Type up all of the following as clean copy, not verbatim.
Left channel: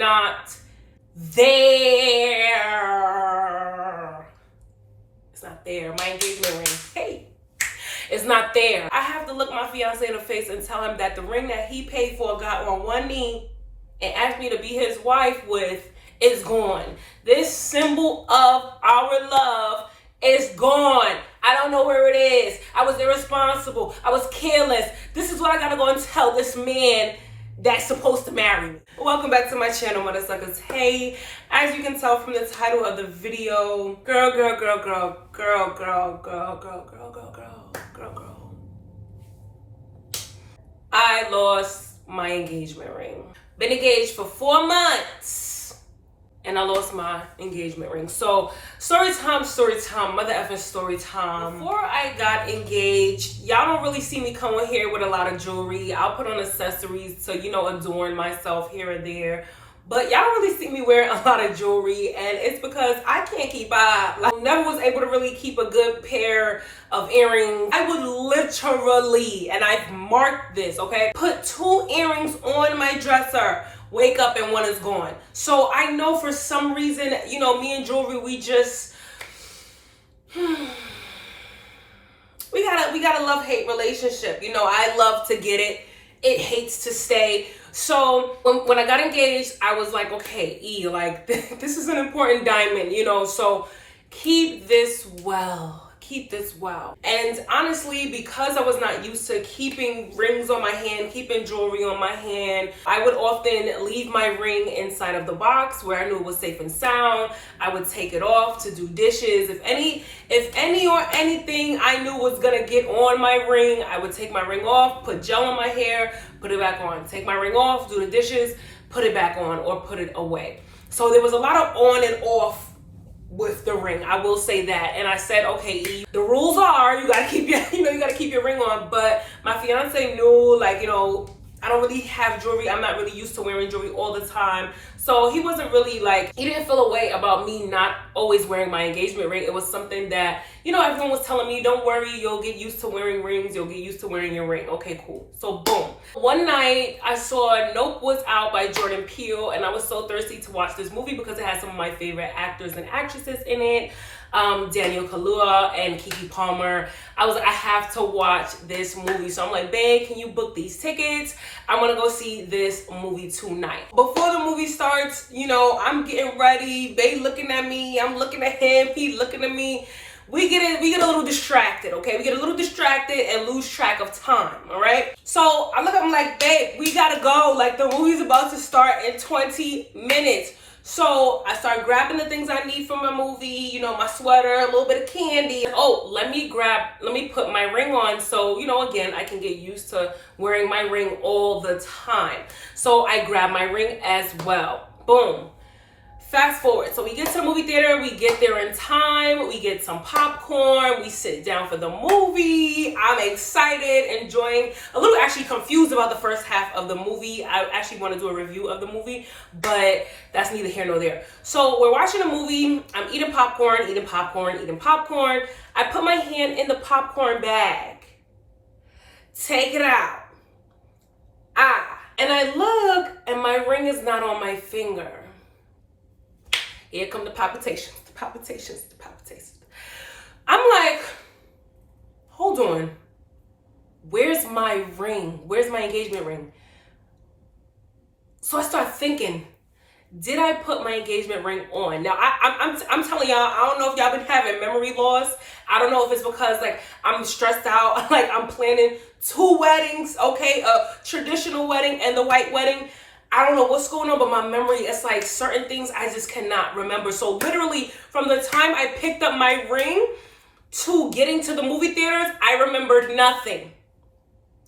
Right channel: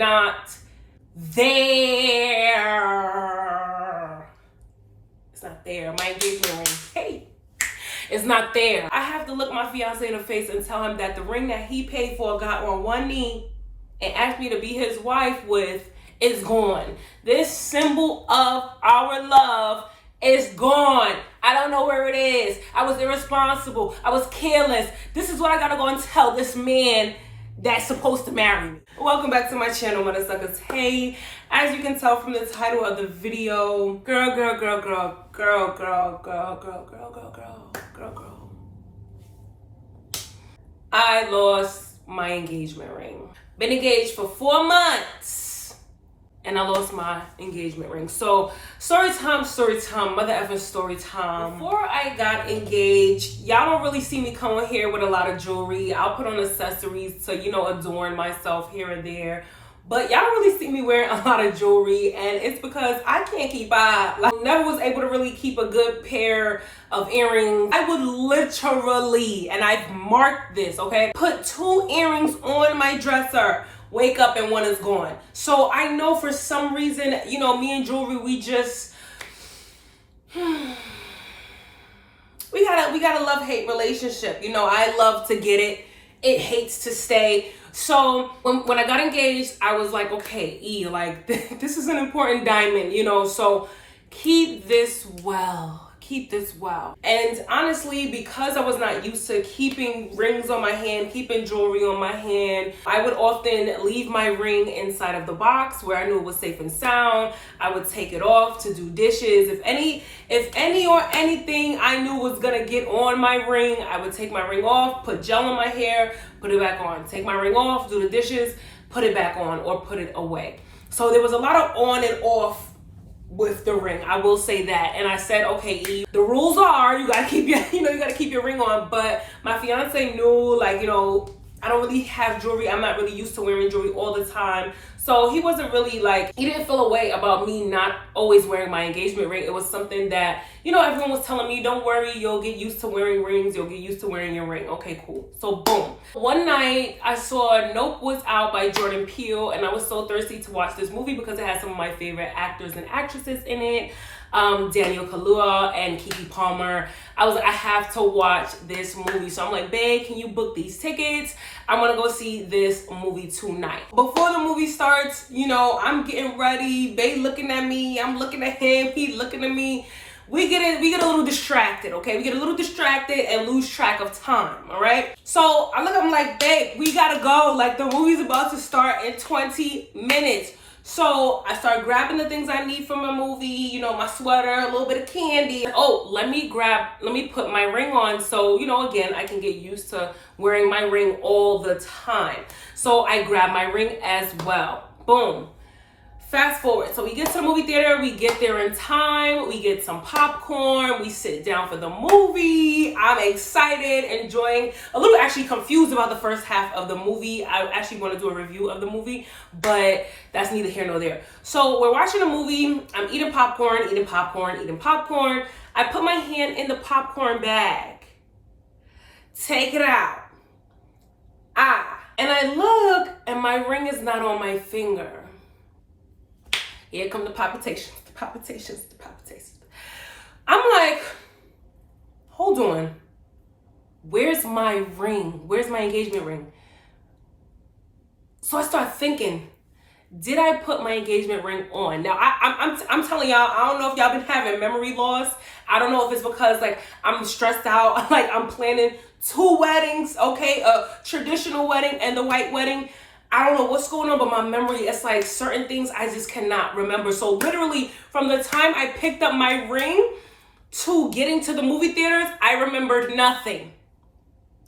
not there. It's not there. My engagement ring. Hey. It's not there. I have to look my fiance in the face and tell him that the ring that he paid for, got on one knee, and asked me to be his wife with, is gone. This symbol of our love is gone. I don't know where it is. I was irresponsible. I was careless. This is what I gotta go and tell this man that's supposed to marry me. Welcome back to my channel, Mother Suckers. Hey, as you can tell from the title of the video, girl. I lost my engagement ring. Been engaged for 4 months and I lost my engagement ring. So story time, mother effing story time. Before I got engaged, y'all don't really see me come on here with a lot of jewelry. I'll put on accessories to, adorn myself here and there. But y'all don't really see me wearing a lot of jewelry, and it's because I can't keep up. I never was able to really keep a good pair of earrings. I would literally, and I've marked this, okay, put 2 earrings on my dresser, wake up and one is gone. So I know for some reason, me and jewelry, we just, we got a love-hate relationship. I love to get it. It hates to stay. So when I got engaged, I was like, okay, this is an important diamond, so keep this well. And honestly, because I was not used to keeping rings on my hand, keeping jewelry on my hand, I would often leave my ring inside of the box where I knew it was safe and sound. I would take it off to do dishes. If any or anything I knew was gonna get on my ring, I would take my ring off, put gel in my hair, put it back on. Take my ring off, do the dishes, put it back on, or put it away. So there was a lot of on and off with the ring, I will say that. And I said, okay, E, the rules are you gotta keep your, you gotta keep your ring on. But my fiance knew, I don't really have jewelry. I'm not really used to wearing jewelry all the time. So he wasn't really he didn't feel a way about me not always wearing my engagement ring. It was something that, everyone was telling me, don't worry, you'll get used to wearing rings. You'll get used to wearing your ring. Okay, cool. So boom. One night I saw Nope was out by Jordan Peele, and I was so thirsty to watch this movie because it had some of my favorite actors and actresses in it. Daniel Kaluuya and Keke Palmer. I was like, I have to watch this movie. So I'm like, babe, can you book these tickets? I want to go see this movie tonight. Before the movie starts, I'm getting ready. Babe looking at me. I'm looking at him. He looking at me. We get a little distracted, okay? We get a little distracted and lose track of time, all right? So I look at him like, babe, we gotta go. The movie's about to start in 20 minutes. So I start grabbing the things I need from my movie, my sweater, a little bit of candy. Oh, let me put my ring on so, again, I can get used to wearing my ring all the time. So I grab my ring as well. Boom. Fast forward. So we get to the movie theater, we get there in time, we get some popcorn, we sit down for the movie. I'm excited, enjoying, a little actually confused about the first half of the movie. I actually want to do a review of the movie, but that's neither here nor there. So we're watching a movie, I'm eating popcorn. I put my hand in the popcorn bag, take it out. And I look and my ring is not on my finger. Here come the palpitations. I'm like, hold on. Where's my ring? Where's my engagement ring? So I start thinking, did I put my engagement ring on? Now, I'm telling y'all, I don't know if y'all been having memory loss. I don't know if it's because I'm stressed out. I'm planning 2 weddings, okay? A traditional wedding and the white wedding. I don't know what's going on, but my memory, it's certain things I just cannot remember. So literally from the time I picked up my ring to getting to the movie theaters, I remembered nothing.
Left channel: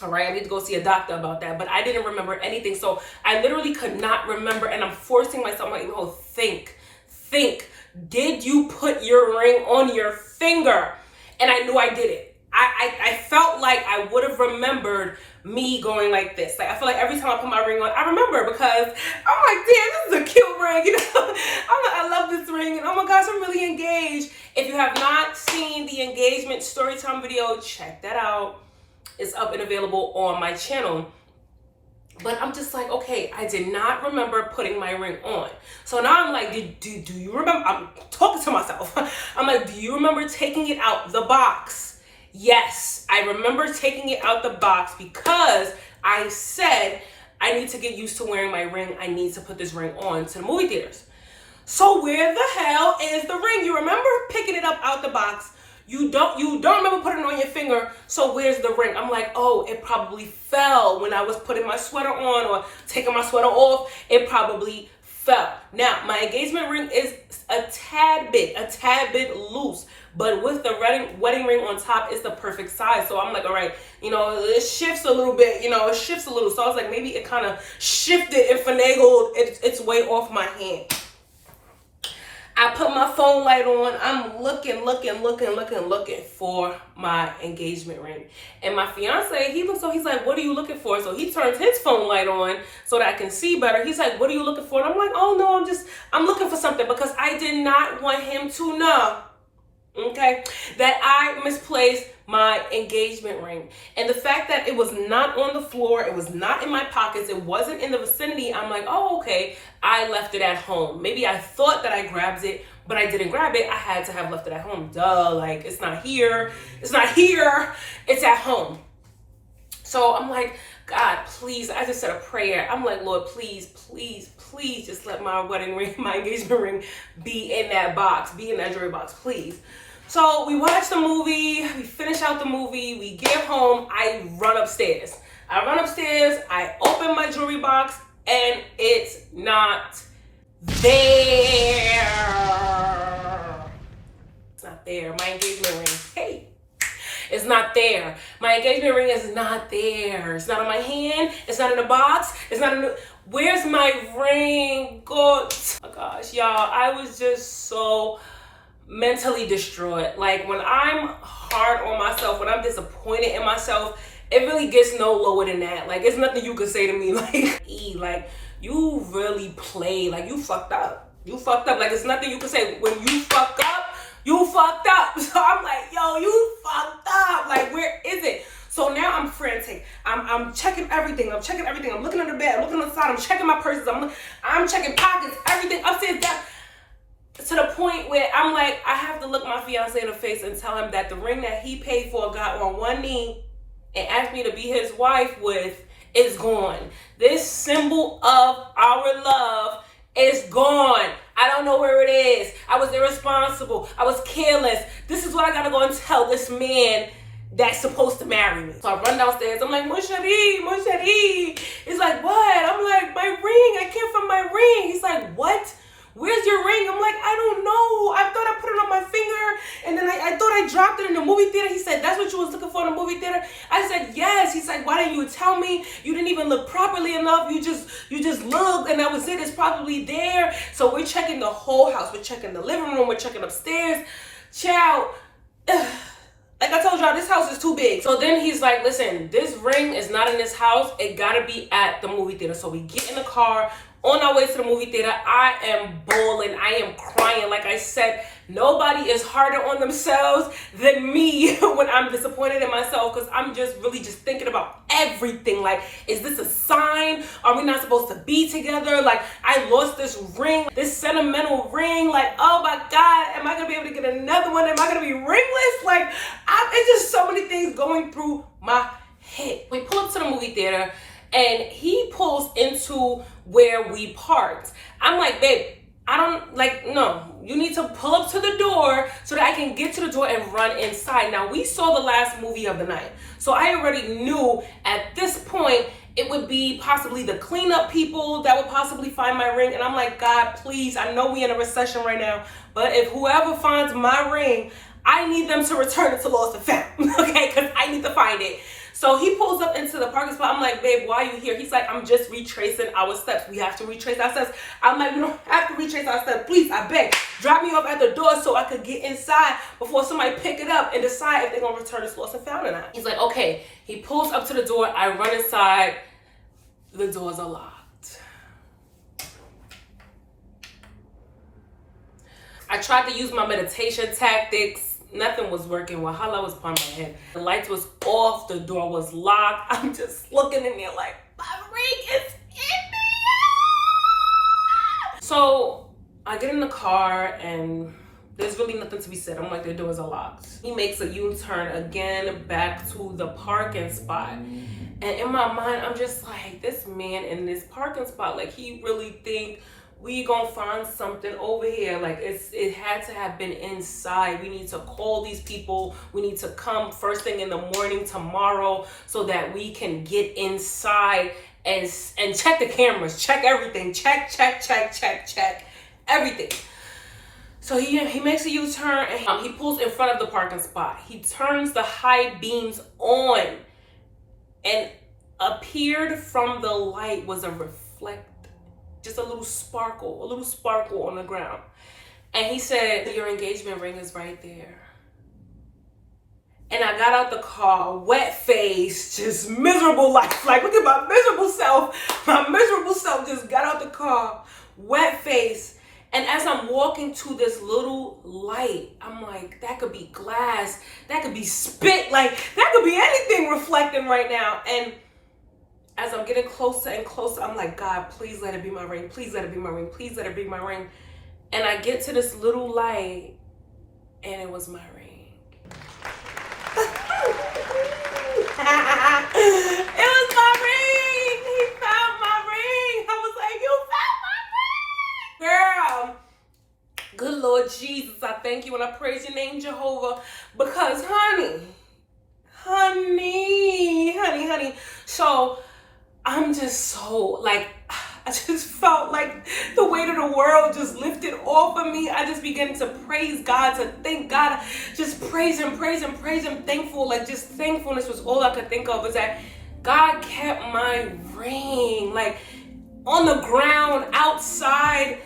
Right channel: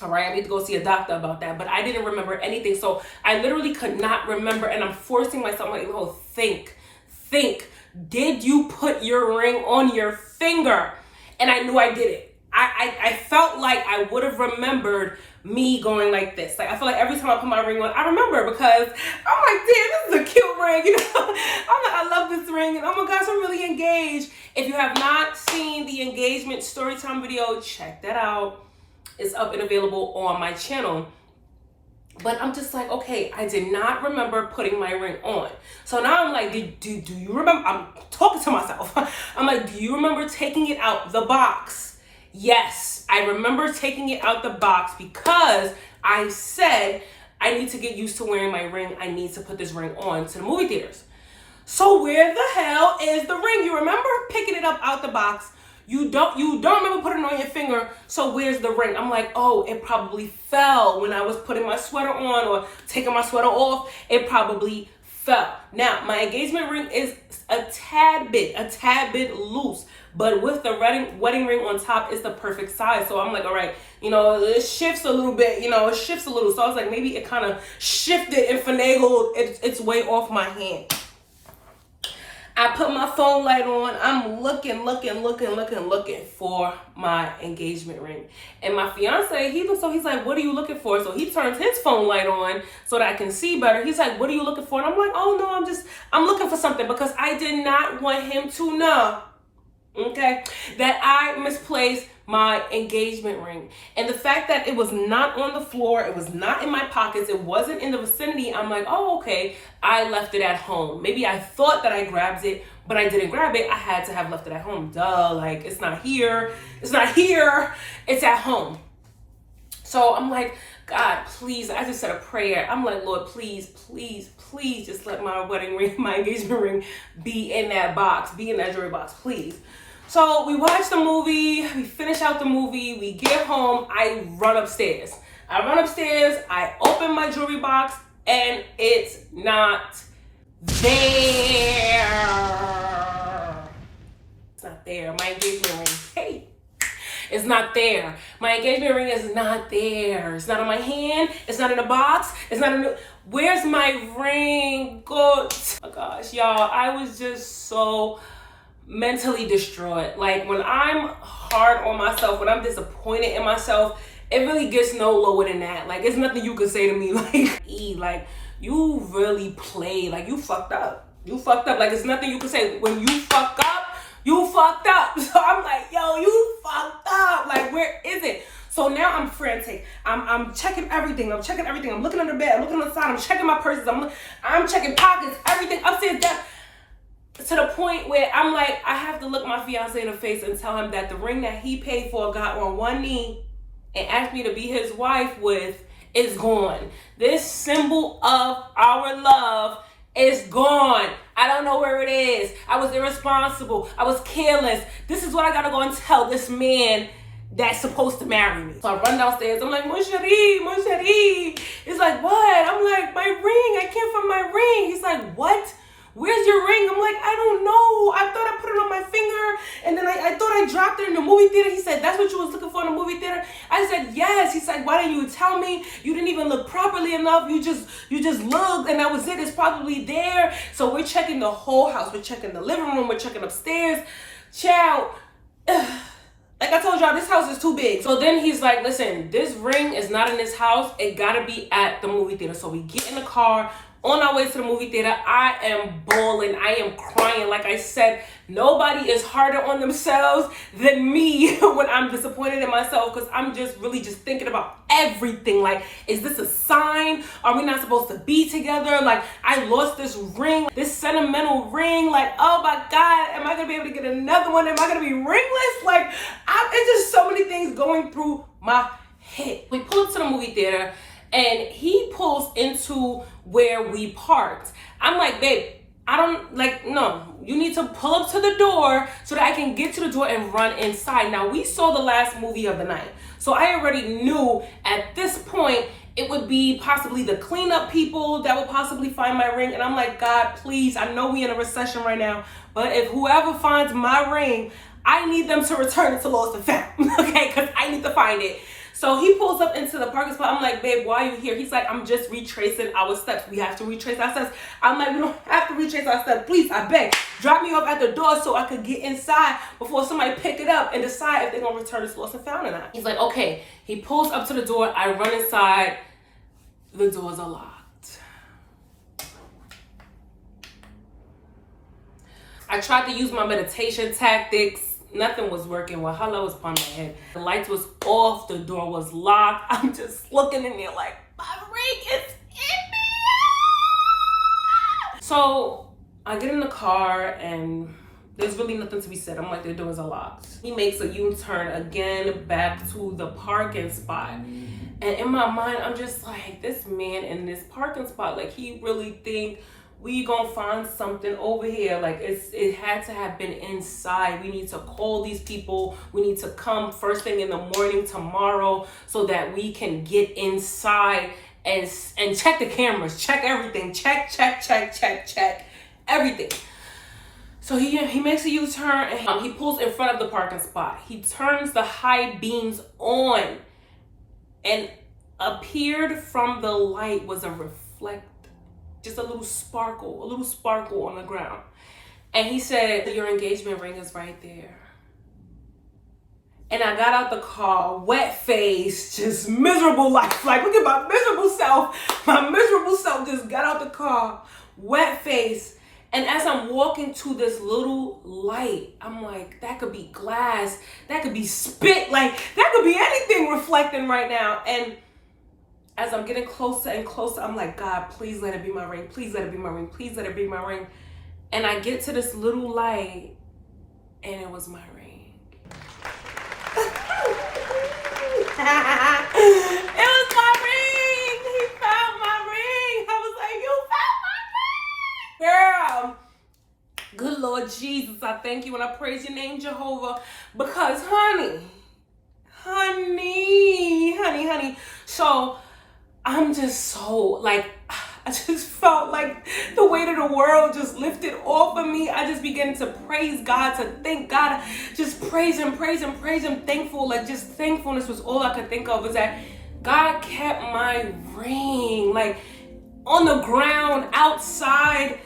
All right, I need to go see a doctor about that, but I didn't remember anything. So I literally could not remember, and I'm forcing myself, think. Did you put your ring on your finger? And I knew I did it. I felt like I would have remembered me going like this. I feel like every time I put my ring on, I remember because I'm like, damn, this is a cute ring. I love this ring. And oh my gosh, I'm really engaged. If you have not seen the engagement story time video, check that out. It's up and available on my channel. But I'm just like, okay, I did not remember putting my ring on. So now I'm like, do you remember? I'm talking to myself. I'm like, do you remember taking it out the box? Yes, I remember taking it out the box because I said I need to get used to wearing my ring. I need to put this ring on to the movie theaters. So where the hell is the ring? You remember picking it up out the box. You don't remember putting it on your finger, so where's the ring? I'm like, oh, it probably fell when I was putting my sweater on or taking my sweater off. It probably fell. Now, my engagement ring is a tad bit loose, but with the wedding ring on top, it's the perfect size. So I'm like, all right, it shifts a little bit, So I was like, maybe it kind of shifted and finagled its way off my hand. I put my phone light on. I'm looking for my engagement ring. And my fiance, he's like, what are you looking for? So he turns his phone light on so that I can see better. He's like, what are you looking for? And I'm like, oh no, I'm looking for something because I did not want him to know, okay, that I misplaced my engagement ring. And the fact that it was not on the floor, it was not in my pockets, it wasn't in the vicinity, I'm like, oh, okay, I left it at home. Maybe I thought that I grabbed it, but I didn't grab it. I had to have left it at home. Duh, like it's not here, it's at home. So I'm like, God, please, I just said a prayer. I'm like, Lord, please just let my wedding ring, my engagement ring be in that box, be in that jewelry box, please. So we watch the movie, we finish out the movie, we get home, I run upstairs, I open my jewelry box, and it's not there. It's not there. My engagement ring, hey, it's not there. My engagement ring is not there. It's not on my hand, it's not in the box, it's not in the... Where's my ring? God, oh my gosh, y'all, I was just so mentally destroyed. Like when I'm hard on myself, when I'm disappointed in myself, it really gets no lower than that. Like it's nothing you could say to me like you really played, like you fucked up. Like it's nothing you could say. When you fuck up, you fucked up. So I'm like, yo, you fucked up. Like where is it? So now I'm frantic. I'm checking everything. I'm looking under the bed. I'm looking on the side. I'm checking my purses. I'm checking pockets. Everything upstairs, down. To the point where I'm like, I have to look my fiance in the face and tell him that the ring that he paid for, got on one knee and asked me to be his wife with, is gone. This symbol of our love is gone. I don't know where it is. I was irresponsible. I was careless. This is what I gotta go and tell this man that's supposed to marry me. So I run downstairs. I'm like, mon chéri. He's like, what? I'm like, my ring. I can't find my ring. He's like, what? Where's your ring? I'm like, I don't know. I thought I put it on my finger, and then I thought I dropped it in the movie theater. He said, that's what you was looking for in the movie theater? I said, yes. He's like, why didn't you tell me? You didn't even look properly enough. You just looked, and that was it. It's probably there. So we're checking the whole house. We're checking the living room. We're checking upstairs. Child. Like I told y'all, this house is too big. So then he's like, listen, this ring is not in this house. It gotta be at the movie theater. So we get in the car. On our way to the movie theater, I am bawling. I am crying. Like I said, nobody is harder on themselves than me when I'm disappointed in myself, because I'm just really thinking about everything. Like, is this a sign? Are we not supposed to be together? Like, I lost this ring, this sentimental ring. Like, oh my God, am I going to be able to get another one? Am I going to be ringless? Like, it's just so many things going through my head. We pull up to the movie theater, and he pulls into where we parked. I'm like, babe, no, you need to pull up to the door so that I can get to the door and run inside. Now, we saw the last movie of the night, so I already knew at this point it would be possibly the cleanup people that would possibly find my ring. And I'm like, God, please, I know we in a recession right now, but if whoever finds my ring, I need them to return it to lost and found, okay? Because I need to find it. So he pulls up into the parking spot. I'm like, babe, why are you here? He's like, I'm just retracing our steps. We have to retrace our steps. I'm like, we don't have to retrace our steps. Please, I beg, drop me off at the door so I could get inside before somebody pick it up and decide if they're going to return this lost and found or not. He's like, okay. He pulls up to the door. I run inside. The doors are locked. I tried to use my meditation tactics. Nothing was working. Wahala was upon my head. The lights was off. The door was locked. I'm just looking in there like, my It's India. So I get in the car and there's really nothing to be said. I'm like, their doors are locked. He makes a U-turn again back to the parking spot. And in my mind, I'm just like, this man in this parking spot, like he really think we gonna find something over here. Like it had to have been inside. We need to call these people. We need to come first thing in the morning tomorrow so that we can get inside and check the cameras, check everything, check everything. So he makes a U-turn and he pulls in front of the parking spot. He turns the high beams on, and appeared from the light was a reflect, just a little sparkle on the ground. And he said, your engagement ring is right there. And I got out the car, wet face, just miserable life. Like, look at my miserable self. My miserable self just got out the car, wet face. And as I'm walking to this little light, I'm like, that could be glass, that could be spit, like that could be anything reflecting right now. And as I'm getting closer and closer, I'm like, God, please let it be my ring. Please let it be my ring. Please let it be my ring. And I get to this little light and it was my ring. It was my ring. He found my ring. I was like, you found my ring. Girl, good Lord Jesus, I thank you and I praise your name, Jehovah, because honey. So I'm just so like, I just felt like the weight of the world just lifted off of me. I just began to praise God, to thank God, just praise him, thankful, like just thankfulness was all I could think of, is that God kept my ring, like on the ground, outside,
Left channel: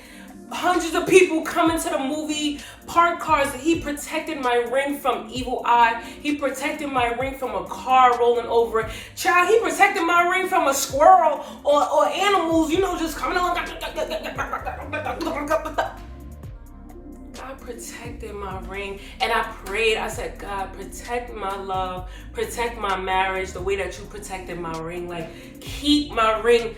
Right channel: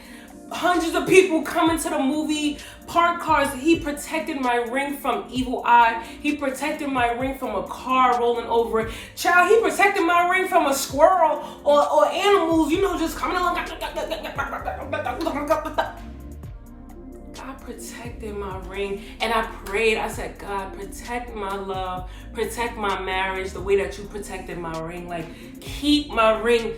hundreds of people coming to the movie, parked cars. He protected my ring from evil eye. He protected my ring from a car rolling over it. Child, he protected my ring from a squirrel or animals, you know, just coming along. God protected my ring, and I prayed. I said, God, protect my love, protect my marriage the way that you protected my ring. Like, keep my ring,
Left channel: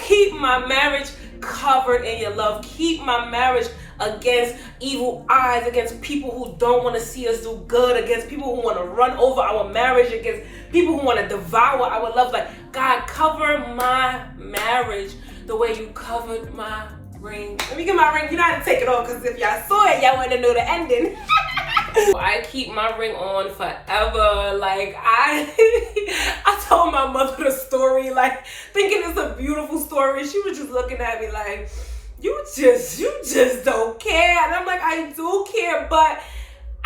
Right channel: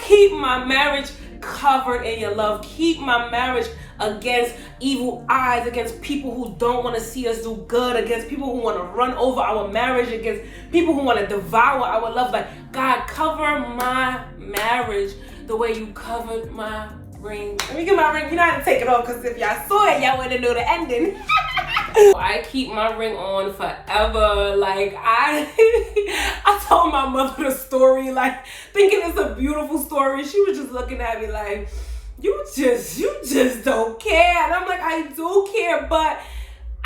keep my marriage covered in your love. Keep my marriage against evil eyes, against people who don't want to see us do good, against people who want to run over our marriage, against people who want to devour our love. Like, God, cover my marriage the way you covered my ring. Let me get my ring. You know how to take it off, because if y'all saw it, y'all wouldn't know the ending. I keep my ring on forever. Like, I told my mother the story, like thinking it's a beautiful story. She was just looking at me like, you just don't care. And I'm like, I do care, but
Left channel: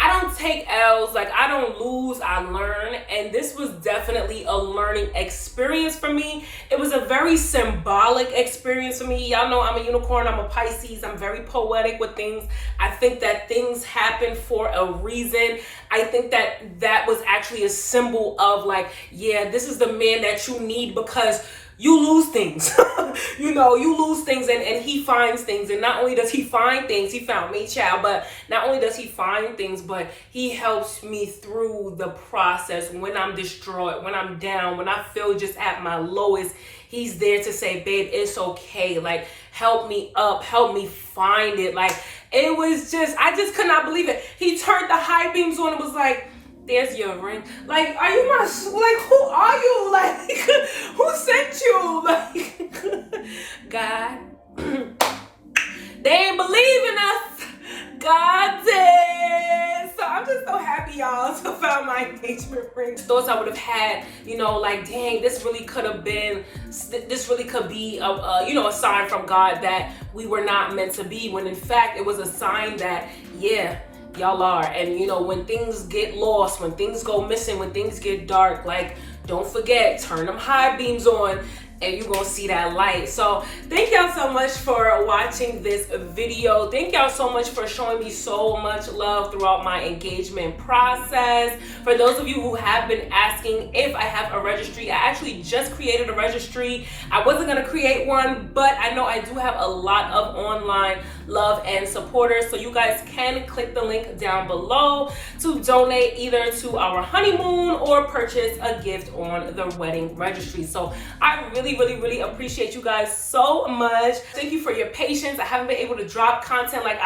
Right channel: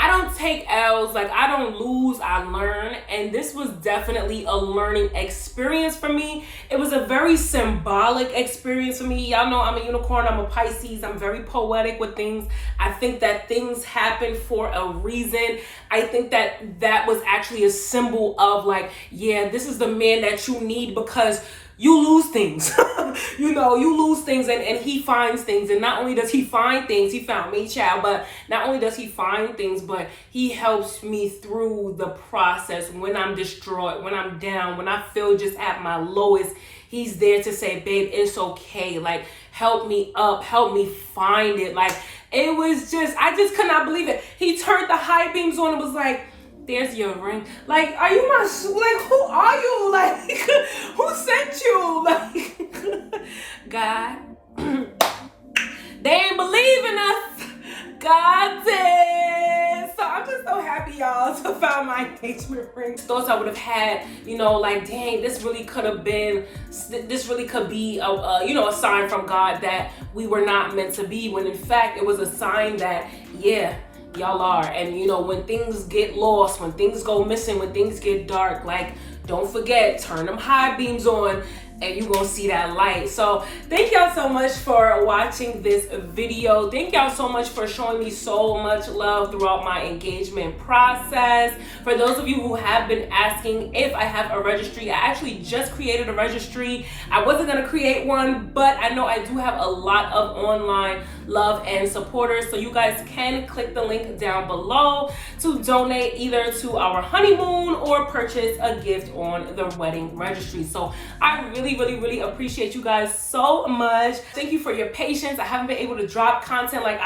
I don't take L's. Like, I don't lose, I learn. And this was definitely a learning experience for me. It was a very symbolic experience for me. Y'all know I'm a unicorn, I'm a Pisces. I'm very poetic with things. I think that things happen for a reason. I think that that was actually a symbol of like, yeah, this is the man that you need, because you lose things. You know, you lose things, and he finds things. And not only does he find things, he found me, child, but not only does he find things, but he helps me through the process when I'm distraught, when I'm down, when I feel just at my lowest. He's there to say, babe, it's okay. Like, help me up, help me find it. Like, it was just, I just could not believe it. He turned the high beams on and was like, there's your ring. Like, are you my, like, who are you? Like, who sent you? Like, God, they ain't believe in us. God did. So I'm just so happy, y'all, to find my engagement ring. Thoughts I would have had, you know, like, dang, this really could have been, this really could be, you know, a sign from God that we were not meant to be, when in fact, it was a sign that, yeah, y'all are. And you know, when things get lost, when things go missing, when things get dark, like, don't forget, turn them high beams on and you're gonna see that light. So thank y'all so much for watching this video. Thank y'all so much for showing me so much love throughout my engagement process. For those of you who have been asking if I have a registry, I actually just created a registry. I wasn't gonna create one, but I know I do have a lot of online love and supporters. So you guys can click the link down below to donate either to our honeymoon or purchase a gift on the wedding registry. So I really really appreciate you guys so much. Thank you for your patience. I haven't been able to drop content like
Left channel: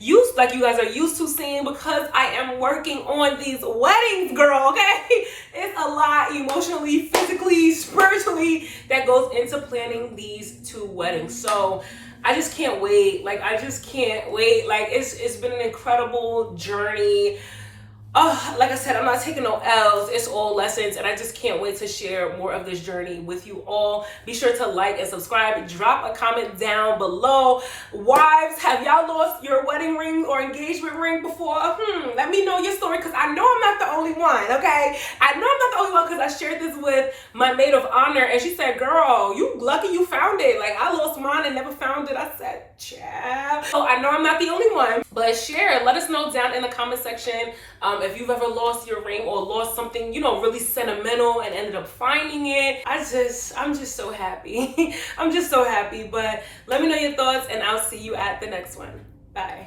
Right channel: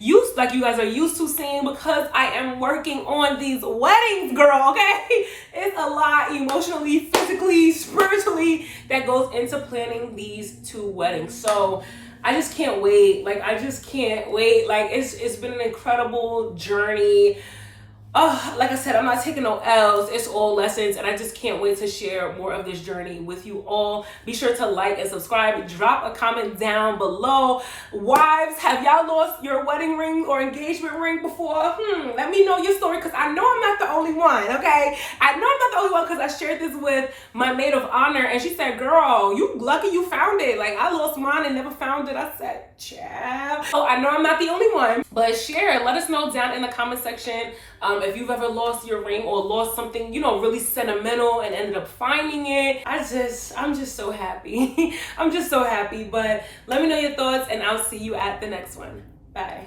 you guys are used to seeing, because I am working on these weddings, girl, okay? It's a lot emotionally, physically, spiritually that goes into planning these 2 weddings. So I just can't wait. Like, I just can't wait. Like, it's been an incredible journey. Like I said, I'm not taking no L's. It's all lessons, and I just can't wait to share more of this journey with you all. Be sure to like and subscribe. Drop a comment down below. Wives, have y'all lost your wedding ring or engagement ring before? Let me know your story, because I know I'm not the only one, okay? I know I'm not the only one, because I shared this with my maid of honor, and she said, girl, you lucky you found it. Like, I lost mine and never found it. I said, child. So I know I'm not the only one, but share. Let us know down in the comment section if you've ever lost your ring or lost something, you know, really sentimental and ended up finding it. I'm just so happy. I'm just so happy. But let me know your thoughts, and I'll see you at the next one. Bye.